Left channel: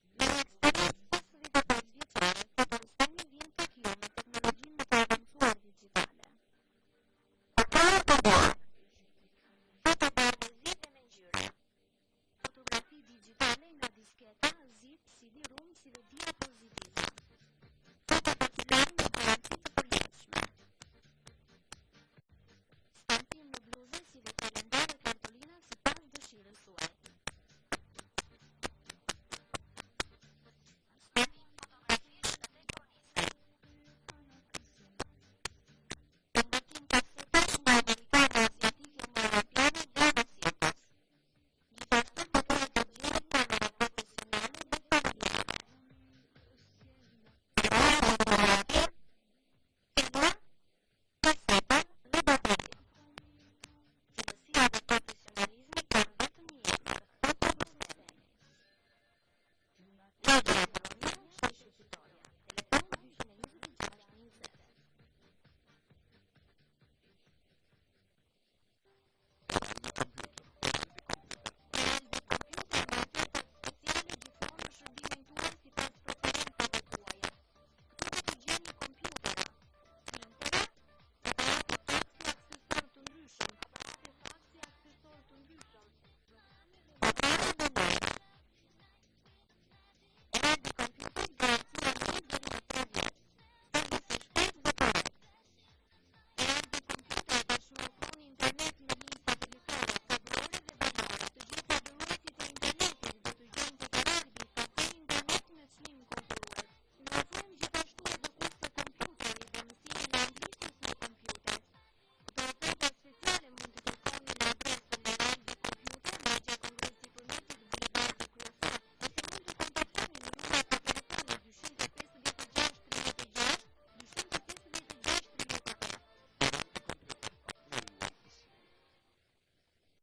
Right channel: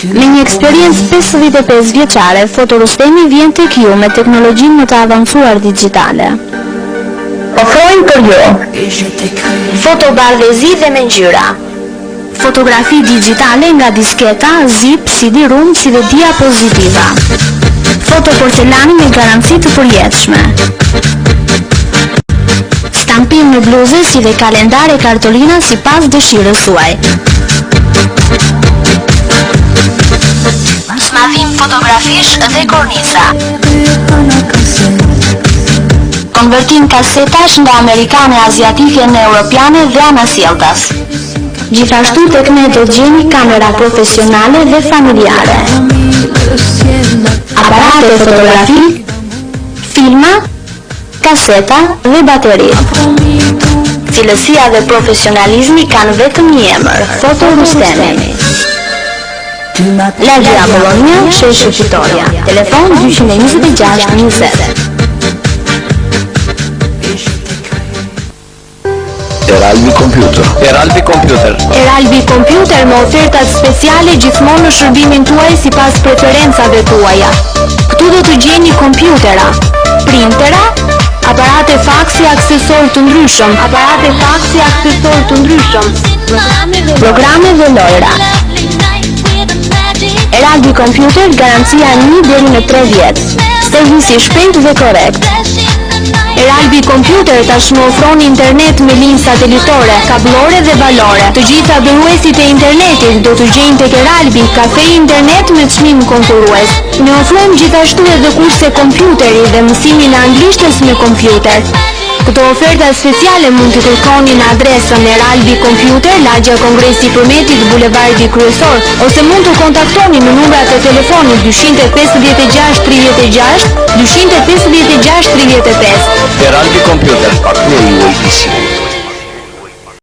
Me një eksperiencë 55 vjeçare, Fotorustemi vjen tek ju me teknologjinë më të avancuar digjitale. Ofrojmë për ju fotobardhëzi dhe me ngjyra, fotografi digjitale nga disketa, zip, CD-ROM si dhe diapozitiva, fotoporcelani me garanci të përjetshme, stampim në bluze si dhe kalendare kartolina sipas dëshirës suaj. Smadhim fotografish dhe kornisa. Konvertim kasetash nga amerikane, aziatike në europiane dhe anasjelltas. Gjithashtu tek ne do gjeni kamera profesionale dhe familjare, aparate fotografi, filma, kaseta dhe bateri. Cilësia dhe profesionalizmi kanë vetëm një emër, Fotorustemi. Lagja Bologna, sheshi Fitoria. Telefon 226 20. Eralbi Computer. Eralbi Computer me ofertat speciale gjithmonë në shërbimin tuaj sipas preferencave tuaja. Këtu do të gjeni kompjutera, printera, aparate faksi aksesor të ndryshëm, programe dhe lojra. Eralbi Computer garancia 1 deri në 3 vjet. Servisi i shpejtë dhe korrekt. Eralbi Computer tashmë ofron internet me linjë satelitore, kablore dhe valore. Të gjitha dhuruesit e internetit do të gjejnë tek Eralbi kafe internet me çmim konkurrues. Ne ofrojmë gjithashtu edhe kurse kompjuteri dhe mësimin e anglishtës me kompjuter. Këto oferta speciale mund të kërkoni në adresën Eralbi Computer, Lagja Kongresi Përmetit, Bulevardi Kryesor, ose mund të kontaktoni në numrat e telefonit 256 36 256 35. Eralbi Computer, partneri juaj i sigurt.